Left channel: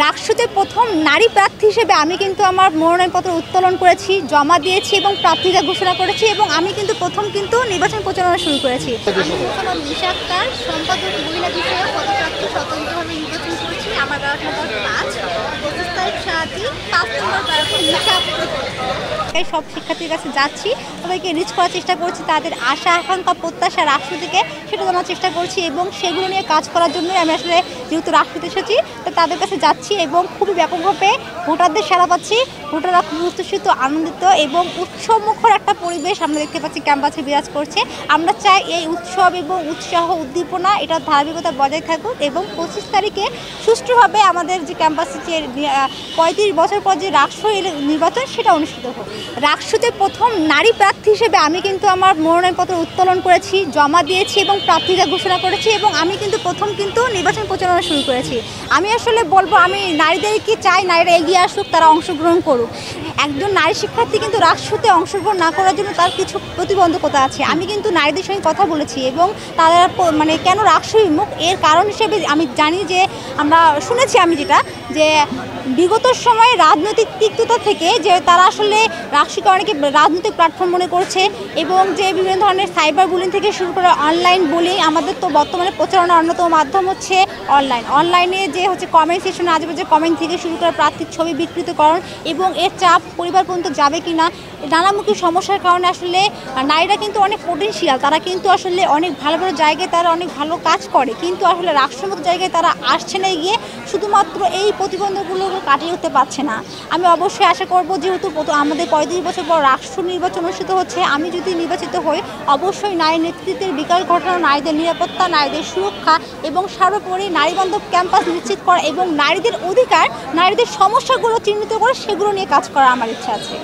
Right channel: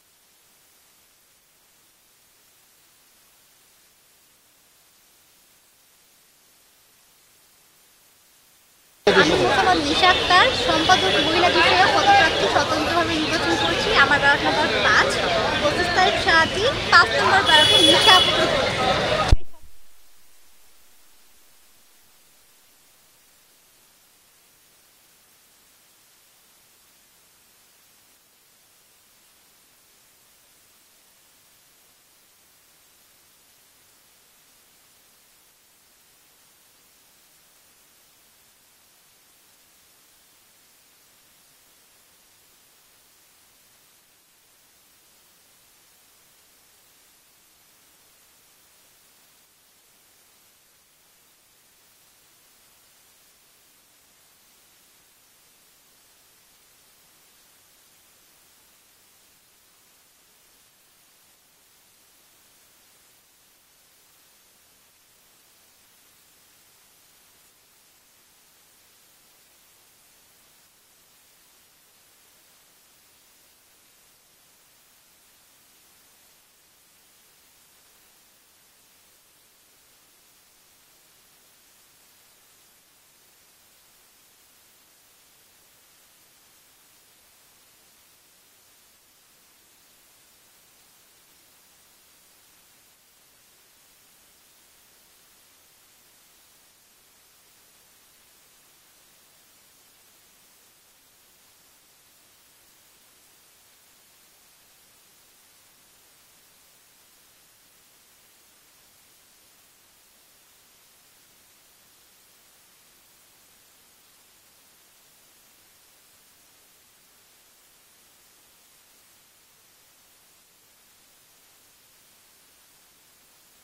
রাকসুতে প্রথম নারী প্রার্থী হিসেবে আমি কিন্তু আমার মনোনয়নপত্র উত্তোলন করেছি, জমা দিয়েছি এবং প্রার্থীতা ঘোষণা করেছি এবং আমি কিন্তু প্রথম নির্বাচন প্রচারণা শুরু করেছি। আমি মোহাম্মদ নিশা আক্তার, সম্পাদক মহিলা বিষয়ক পদপ্রার্থী, স্বতন্ত্রভাবে নির্বাচন করেছি। আমার ব্যালট নম্বর 5, 25 তারিখ সারাটি 5 নম্বর ব্যালটে নিশা আক্তার। সব শিক্ষার্থীর কাছে যাচ্ছি, সবাইকে রিচ করার চেষ্টা করছি, তাদের আশা আকাঙ্ক্ষা প্রত্যাশা রাকসু থেকে সেটা জানার চেষ্টা করছি এবং সেগুলো নিয়ে কাজ করার জন্যই আমি আসলে যেহেতু রাকসুতে এসেছি তো তাদের কাছে যাচ্ছি এবং খুবই ব্যাপকভাবে ভোটারদের সাড়া পাচ্ছি। ভোটাররা খুব উচ্ছ্বসিত, আনন্দিত এবং উৎসবমুখর একটা পরিবেশ আমরা দেখতে পাচ্ছি ক্যাম্পাসে বিরাজ করছে। আমরা চাই এই উৎসব এবং উৎসাহ উদ্দীপনা এটার ধারাবাহিকতা বজায় থাকুক এবং 25 তারিখে সুষ্ঠুভাবে আমাদের যে ক্যাম্পাসে যে 35 বছর পর যে রাকসু নির্বাচন সেটা অনুষ্ঠিত হোক। রাকসুতে প্রথম নারী প্রার্থী হিসেবে আমি কিন্তু আমার মনোনয়নপত্র উত্তোলন করেছি, জমা দিয়েছি এবং প্রার্থীতা ঘোষণা করেছি এবং আমি কিন্তু প্রথম নির্বাচন প্রচারণা শুরু করেছি। আমি আসলে বলবো আমি নারীদেরকে চাই নারীরা এগিয়ে আসুক, তারা অংশগ্রহণ করুক। একজন নারী শিক্ষার্থী কিন্তু রাকসুতে অংশগ্রহণ না করার জন্য তার কিছু প্রতিবন্ধকতা আছে। আমি কিন্তু নারীদের সঙ্গে কথা বলেছি এবং তারা কেন রাকসু বিমুখ এর কারণ হিসেবে আমি জানি যে আমরা শুনেছি আমি যেটা যে বিগত সময়ে রাজনৈতিক তিক্ততা থেকে যে তারা আসলে রাকসুকে অনেকে রাজনৈতিক প্ল্যাটফর্ম মনে করছে এবং যে বিভিন্ন ধরনের সাইবার বুলিং থেকে শুরু করে অনলাইন বুলিং। আমাদের তো বর্তমানে প্রচারণার অন্যতম মাধ্যম হচ্ছে অনলাইনে যে হচ্ছে কমেন্ট সেকশনে আজেবাজে কমেন্ট থেকে শুরু করে প্রার্থীর ছবি বিকৃতকরণ এবং এর চাপ পরিবার পর্যন্ত যাবে কিনা নানামুখী সমস্যার কারণে আসলে নারীরা কিন্তু অনেক পোটেনশিয়াল, তারা কিন্তু আসলে অনেক ভালো ভালো জায়গায় তারা অনেক ভালো কাজ করে কিন্তু আসলে রাকসুর মতো জায়গায় তারা আসছে না গিয়ে শুধুমাত্র এই প্রতিবন্ধকগুলো কাটিয়ে উঠতে পারছে না। আমি অবশ্যই আশা করব যেহেতু আমাদের 35 বছর পর রাকসু নির্বাচন অনুষ্ঠিত হচ্ছে, আমি যদি নির্বাচিত হই অবশ্যই নারী নেতৃত্বের বিকাশ ঘটানো, নারীদের নিরাপত্তা, নারীদের সুরক্ষা এবং সর্বোপরি নারীবান্ধব ক্যাম্পাস নিশ্চিত করা এবং নারীদের অধিকার, নারীদের সমস্যাগুলো চিহ্নিত করে সেগুলো নিয়ে কাজ করা আমার ইচ্ছা আছে।